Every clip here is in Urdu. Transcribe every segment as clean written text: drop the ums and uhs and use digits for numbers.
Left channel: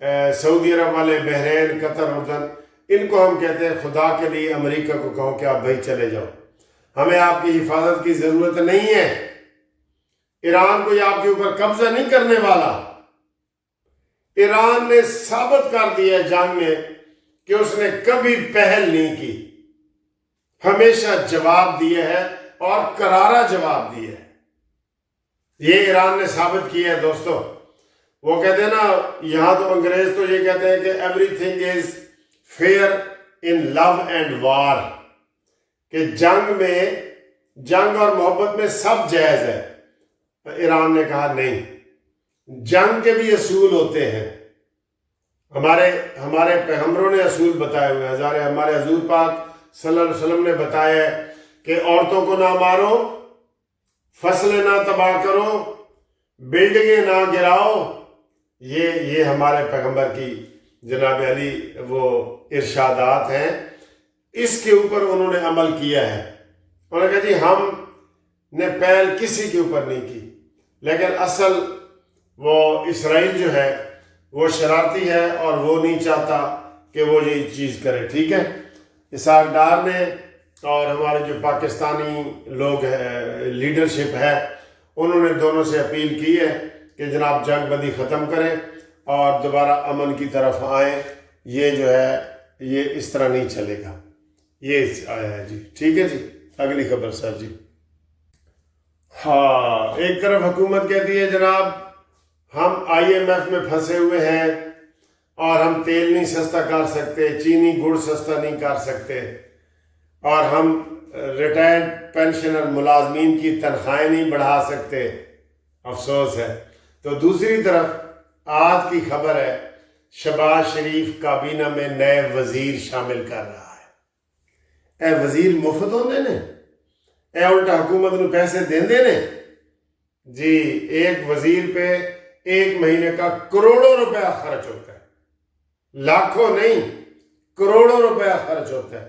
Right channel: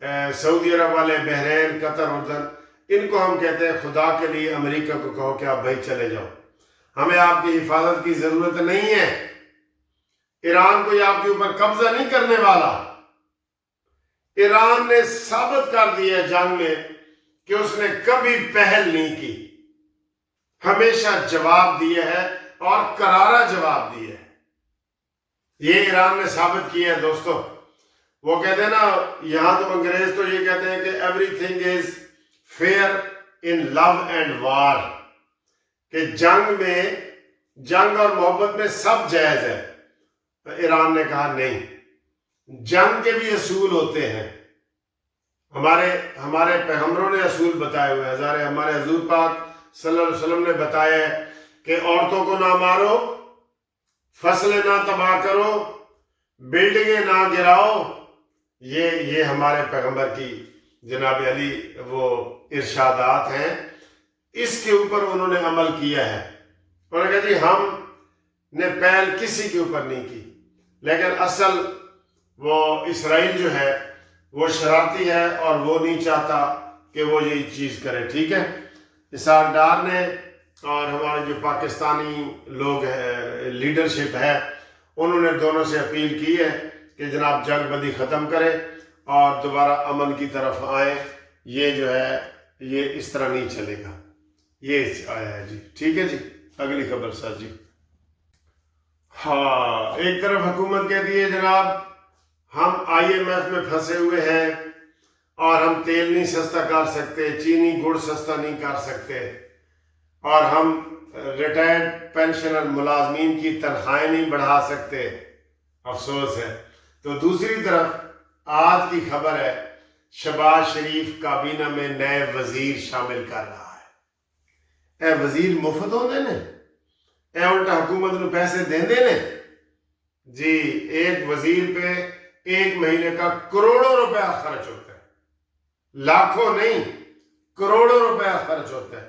سعودی عرب والے، بحرین، قطر، اردن، ان کو ہم کہتے ہیں خدا کے لیے امریکہ کو کہو کہ آپ بھائی چلے جاؤ، ہمیں آپ کی حفاظت کی ضرورت نہیں ہے، ایران کوئی آپ کے اوپر قبضہ نہیں کرنے والا۔ ایران نے ثابت کر دیا ہے جنگ میں کہ اس نے کبھی پہل نہیں کی، ہمیشہ جواب دیا ہے اور کرارا جواب دیا ہے۔ یہ ایران نے ثابت کیا ہے دوستو۔ وہ کہتے ہیں نا، یہاں تو انگریز تو یہ کہتے ہیں کہ everything is fair in love and war, کہ جنگ اور محبت میں سب جائز ہے۔ ایران نے کہا نہیں، جنگ کے بھی اصول ہوتے ہیں، ہمارے پیغمبروں نے اصول بتائے ہوئے ہیں، ہمارے حضور پاک صلی اللہ علیہ وسلم نے بتایا ہے کہ عورتوں کو نہ مارو، فصلیں نہ تباہ کرو، بلڈنگیں نہ گراؤ۔ یہ ہمارے پیغمبر کی جناب علی وہ ارشادات ہیں، اس کے اوپر انہوں نے عمل کیا ہے۔ انہوں نے کہا جی ہم نے پہل کسی کے اوپر نہیں کی، لیکن اصل وہ اسرائیل جو ہے وہ شرارتی ہے اور وہ نہیں چاہتا کہ وہ یہ چیز کرے، ٹھیک ہے۔ اسحاق ڈار نے اور ہمارے جو پاکستانی لوگ لیڈرشپ ہے، انہوں نے دونوں سے اپیل کی ہے کہ جناب جنگ بندی ختم کریں اور دوبارہ امن کی طرف آئیں۔ یہ جو ہے یہ اس طرح نہیں چلے گا، یہ آیا ہے جی، ٹھیک ہے جی۔ اگلی خبر سر جی۔ ہاں، ایک طرف حکومت کہتی ہے جناب ہم IMF میں پھنسے ہوئے ہیں اور ہم تیل نہیں سستا کر سکتے، چینی گڑ سستا نہیں کر سکتے، اور ہم ریٹائرڈ پینشنر ملازمین کی تنخواہیں نہیں بڑھا سکتے، افسوس ہے۔ تو دوسری طرف آج کی خبر ہے شہباز شریف کابینہ میں نئے وزیر شامل کر رہا ہے۔ اے وزیر مفت ہوندے نے، اے الٹا حکومت نو پیسے دیندے نے جی۔ ایک وزیر پہ ایک مہینے کا کروڑوں روپیہ خرچ ہوتا ہے، لاکھوں نہیں، کروڑوں روپیہ خرچ ہوتا ہے۔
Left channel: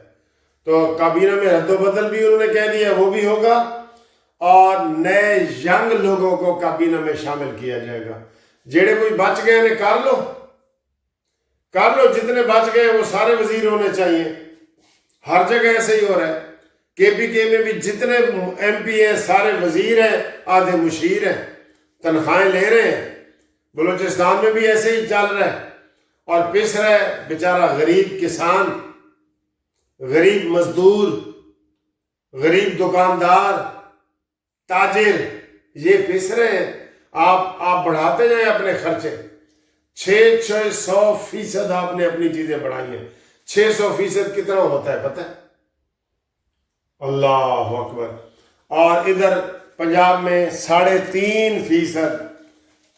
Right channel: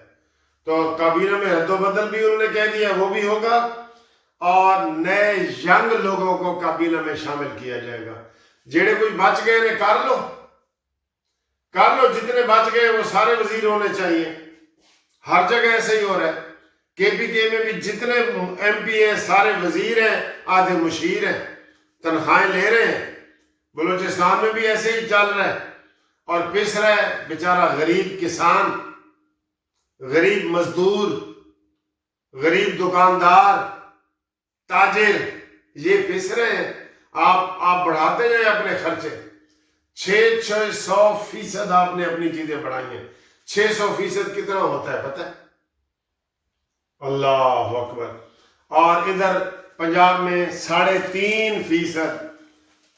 تو کابینہ میں رد و بدل بھی انہوں نے کہہ دیا وہ بھی ہوگا، اور نئے ینگ لوگوں کو کابینہ میں شامل کیا جائے گا۔ جڑے کوئی بچ گئے نے کر لو، جتنے بچ گئے وہ سارے وزیر ہونے چاہیے۔ ہر جگہ ایسے ہی ہو رہا ہے، KPK میں بھی جتنے MP ہیں سارے وزیر ہیں، آدھے مشیر ہیں، تنخواہیں لے رہے ہیں۔ بلوچستان میں بھی ایسے ہی چل رہا ہے، اور پس رہا ہے بیچارہ غریب کسان، غریب مزدور، غریب دکاندار، تاجر، یہ پس رہے ہیں۔ آپ بڑھاتے جائیں اپنے خرچے، 600% آپ نے اپنی چیزیں بڑھائی ہیں۔ 600% کتنا ہوتا ہے پتہ ہے؟ اللہ اکبر۔ اور ادھر پنجاب میں 3.5%۔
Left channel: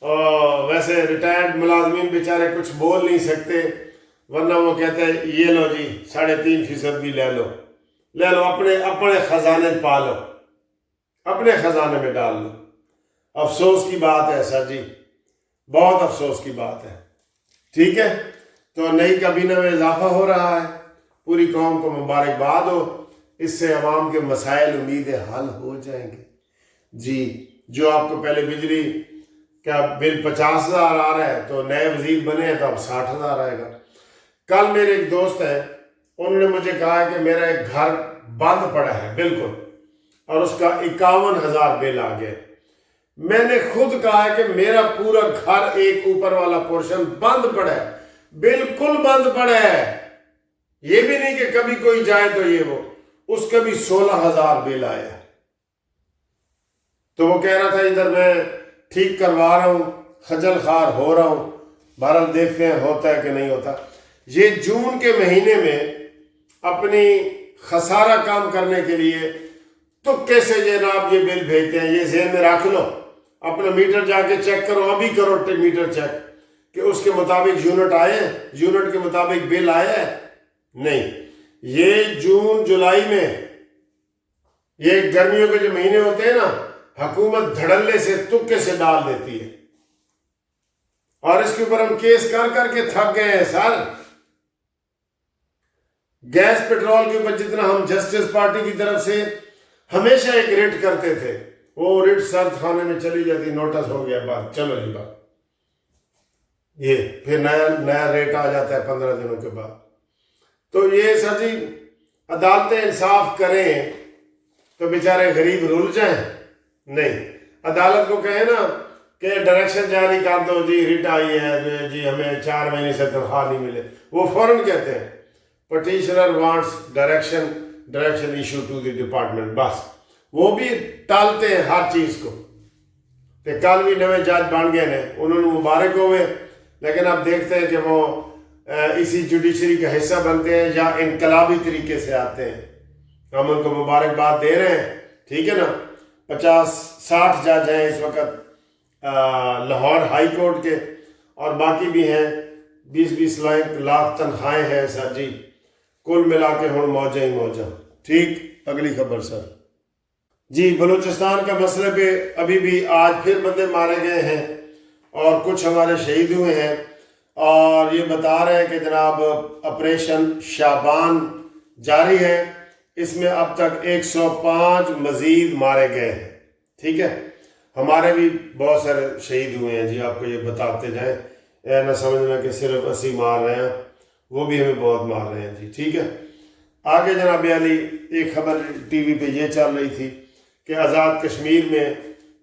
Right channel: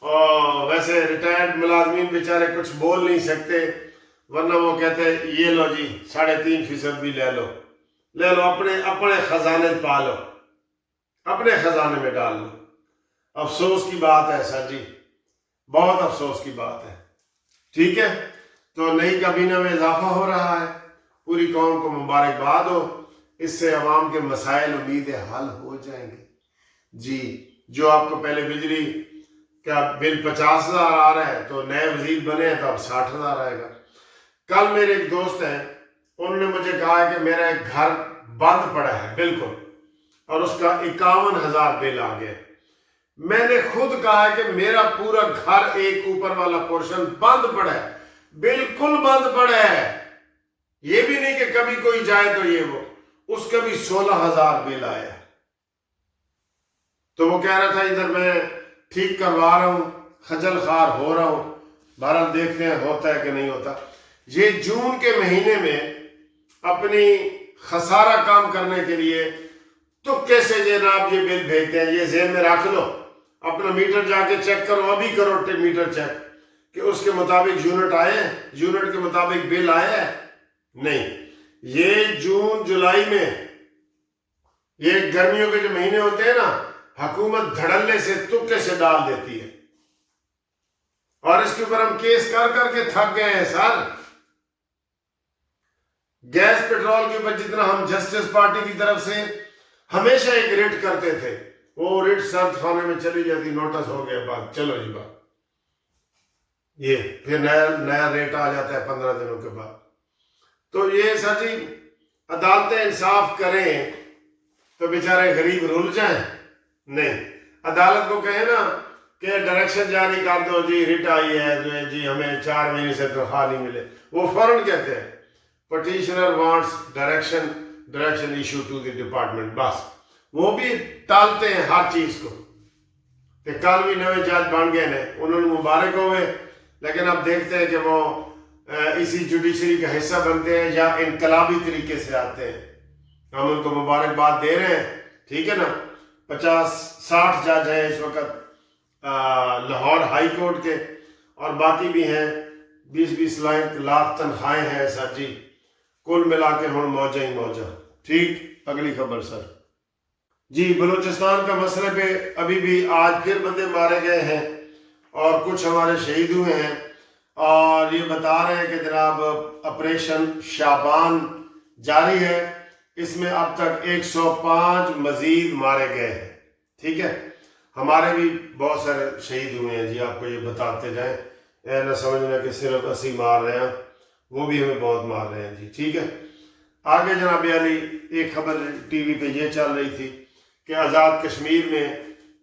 اور ویسے ریٹائرڈ ملازمین بیچارے کچھ بول نہیں سکتے، ورنہ وہ کہتے ہیں یہ لو جی 3.5% بھی لے لو، اپنے خزانے پا لو، اپنے خزانے میں ڈال لو۔ افسوس کی بات ہے سر جی، بہت افسوس کی بات ہے، ٹھیک ہے۔ تو نئی کابینہ میں اضافہ ہو رہا ہے، پوری قوم کو مبارکباد ہو، اس سے عوام کے مسائل امید ہے حل ہو جائیں گے جی۔ جو آپ کو پہلے بجلی کا بل 50,000 آ رہا ہے، تو نئے وزیر بنے ہیں تو اب 60,000 آئے گا۔ کل میرے ایک دوست ہیں، انہوں نے مجھے کہا کہ میرا ایک گھر بند پڑا ہے بالکل، اور اس کا 51,000 بل آ گیا۔ میں نے خود کہا کہ میرا پورا گھر ایک اوپر والا پورشن بند پڑا ہے، بالکل بند پڑا ہے، یہ بھی نہیں کہ کبھی کوئی جائے تو یہ وہ، اس کا بھی 16,000 بل آیا۔ تو وہ کہہ رہا تھا ادھر میں ٹھیک کروا رہا ہوں، خجل خوار ہو رہا ہوں، بہرحال دیکھتے ہیں ہوتا ہے کہ نہیں ہوتا۔ یہ جون کے مہینے میں اپنی خسارہ کام کرنے کے لیے تو کیسے جناب یہ بل بھیجتے ہیں، یہ ذہن میں رکھ لو، اپنا میٹر جا کے چیک کرو، ابھی کرو میٹر چیک کہ اس کے مطابق یونٹ آئے ہیں، یونٹ کے مطابق بل آیا ہے نہیں۔ یہ جون جولائی میں، یہ گرمیوں کے جو مہینے ہوتے ہیں نا، حکومت دھڑلے سے تکے سے ڈال دیتی ہے، اور اس کے اوپر ہم کیس کر کر کے تھک گئے ہیں سر۔ گیس پٹرول کے اوپر جتنا ہم جسٹس پارٹی کی طرف سے ہمیشہ ایک ریٹ کرتے تھے، وہ ریٹ سرد خانے میں چلی جاتی، نوٹس ہو گیا، بات چلو جی بات۔ یہ پھر نیا ریٹ آ جاتا ہے 15 دنوں کے بعد. تو یہ سر جی عدالتیں انصاف کریں تو بیچارے غریب رول جائیں؟ نہیں. عدالت کو کہیں نا کہ ڈائریکشن جاری کر دو جی ریٹ آئی ہے جی ہمیں 4 مہینے سے تنخواہ نہیں ملے, وہ فوراً کہتے ہیں petitioner wants direction issue to the department, بس وہ بھی ٹالتے ہیں ہر چیز کو. کہ کل بھی نئے جج بن گئے ہیں, انہوں نے مبارک ہوئے, لیکن اب دیکھتے ہیں کہ وہ اسی جوڈیشری کا حصہ بنتے ہیں یا انقلابی طریقے سے آتے ہیں. ہم ان کو مبارکباد دے رہے ہیں, ٹھیک ہے نا. 50-60 جج ہیں اس وقت لاہور ہائی کورٹ کے, اور باقی بھی ہیں 20-20 لاکھ تنخواہیں ہیں سر جی. کل ملا کے ہوں موجہ ہی موجہ. ٹھیک, اگلی خبر سر جی. بلوچستان کا مسئلے پہ ابھی بھی آج پھر بندے مارے گئے ہیں اور کچھ ہمارے شہید ہوئے ہیں, اور یہ بتا رہے ہیں کہ جناب آپریشن شعبان جاری ہے, اس میں اب تک 105 مزید مارے گئے ہیں. ٹھیک ہے, ہمارے بھی بہت سارے شہید ہوئے ہیں جی, آپ کو یہ بتاتے جائیں, نہ سمجھنا کہ صرف 80 مار رہے ہیں, وہ بھی ہمیں بہت مار رہے ہیں جی. ٹھیک ہے, آگے جناب علی ایک خبر ٹی وی پہ یہ چل رہی تھی کہ آزاد کشمیر میں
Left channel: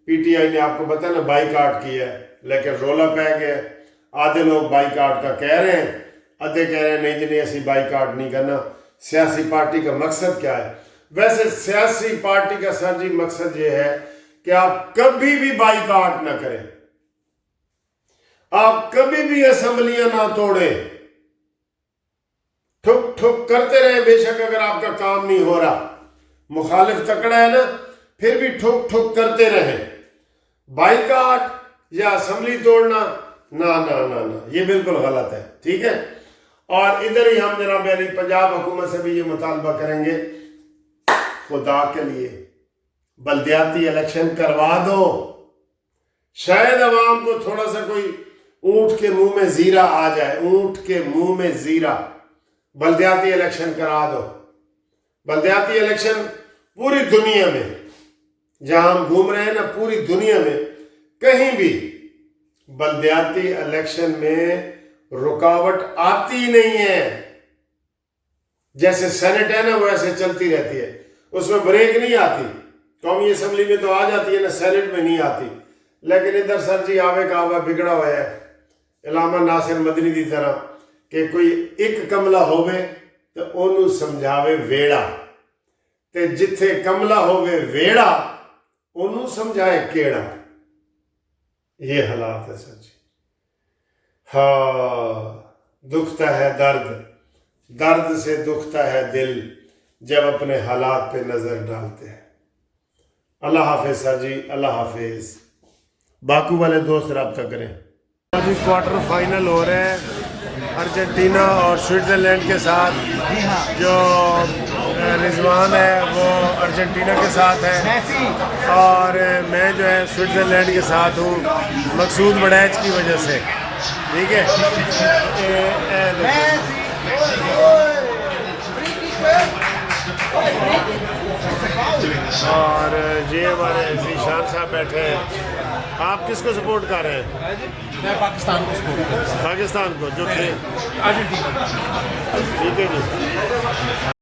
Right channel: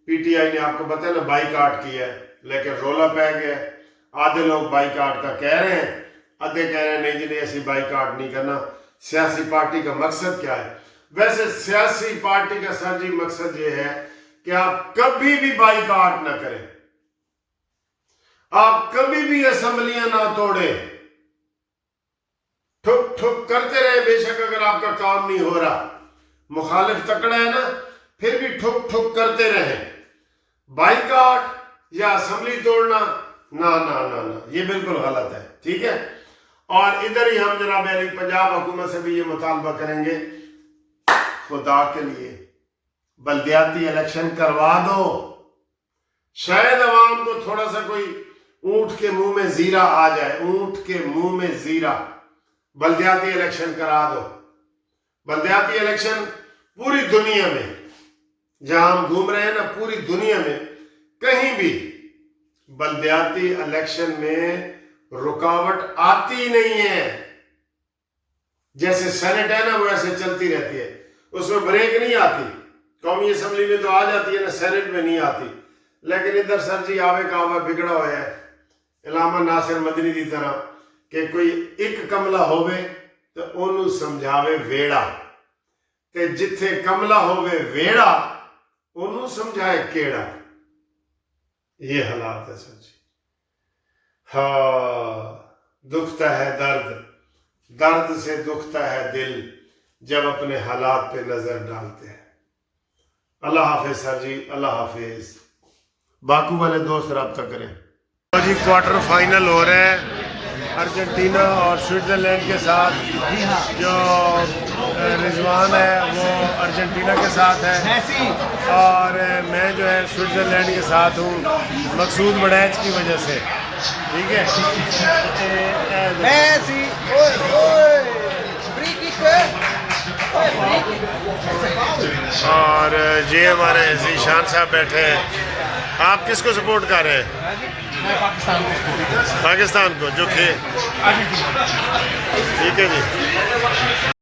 پی ٹی آئی نے آپ کو بتایا نا بائیکاٹ کیا ہے, لیکن رولا پہ گیا. آدھے لوگ بائیکاٹ کا کہہ رہے ہیں, آدھے کہہ رہے ہیں نہیں جی نہیں ایسی بائیکاٹ نہیں کرنا. سیاسی پارٹی کا مقصد کیا ہے؟ ویسے سیاسی پارٹی کا سر جی مقصد یہ ہے کہ آپ کبھی بھی بائیکاٹ نہ کریں, آپ کبھی بھی اسمبلیاں نہ توڑیں, ٹھک ٹھک کرتے رہیں. بے شک اگر آپ کا کام نہیں ہو رہا, مخالف تکڑا ہے نا, پھر بھی ٹھک ٹھک کرتے رہیں. بائیکاٹ یا اسمبلی توڑنا نہ نہ نہ نہ, یہ بالکل غلط ہے. ٹھیک ہے, اور ادھر ہی ہم جناب علی پنجاب حکومت سے بھی یہ مطالبہ کریں گے, خدا کے لیے بلدیاتی الیکشن کروا دو. شاید عوام کو تھوڑا سا کوئی اونٹ کے منہ میں زیرہ آ جائے, اونٹ کے منہ میں زیرہ. بلدیاتی الیکشن کرا دو. بلدیاتی الیکشن پوری دنیا میں جہاں ہم گھوم رہے ہیں نا, پوری دنیا میں کہیں بھی بلدیاتی الیکشن میں رکاوٹ آتی نہیں ہے. جیسے سینٹ ہے نا وہ ایسے چلتی رہتی ہے, اس میں بریک نہیں آتی. قومی اسمبلی میں تو آ جاتی ہے نا, سینٹ میں نہیں آتی. لیکن ادھر سر جی آوے کا آوے بگڑا ہوا ہے علامہ ناصر مدنی دی طرح کہ کوئی ایک کملا ہوئے تو انہوں سمجھاوے ویڑا, تے جتھے کملا ہوئے ویڑا انہوں سمجھائے کیڑا. یہ حالات ہے سر جی. ہاں, دکھتا ہے درد, درد سے دکھتا ہے دل جب اپنے حالات پہ نظر ڈالتے ہیں. اللہ حافظ سر جی, اللہ حافظ. باکو والے دوست رابطہ کریں جی. کوارٹر فائنل ہو رہا ہے ارجنٹینا اور سوئٹزرلینڈ کے ساتھ. جو رضوان ہے وہ ارجنٹینا کے ساتھ ہے اور میں جو ہے سوئٹزرلینڈ کے ساتھ ہوں, مقصود بڑیچ کی وجہ سے. ٹھیک ہے, اور یہ ہمارے ذیشان صاحب بیٹھے ہیں. آپ کس کو سپورٹ کر رہے ہیں؟ میں پاکستان کو سپورٹ کرتا ہوں. پاکستان کو, جو کہ ٹھیک ہے جی.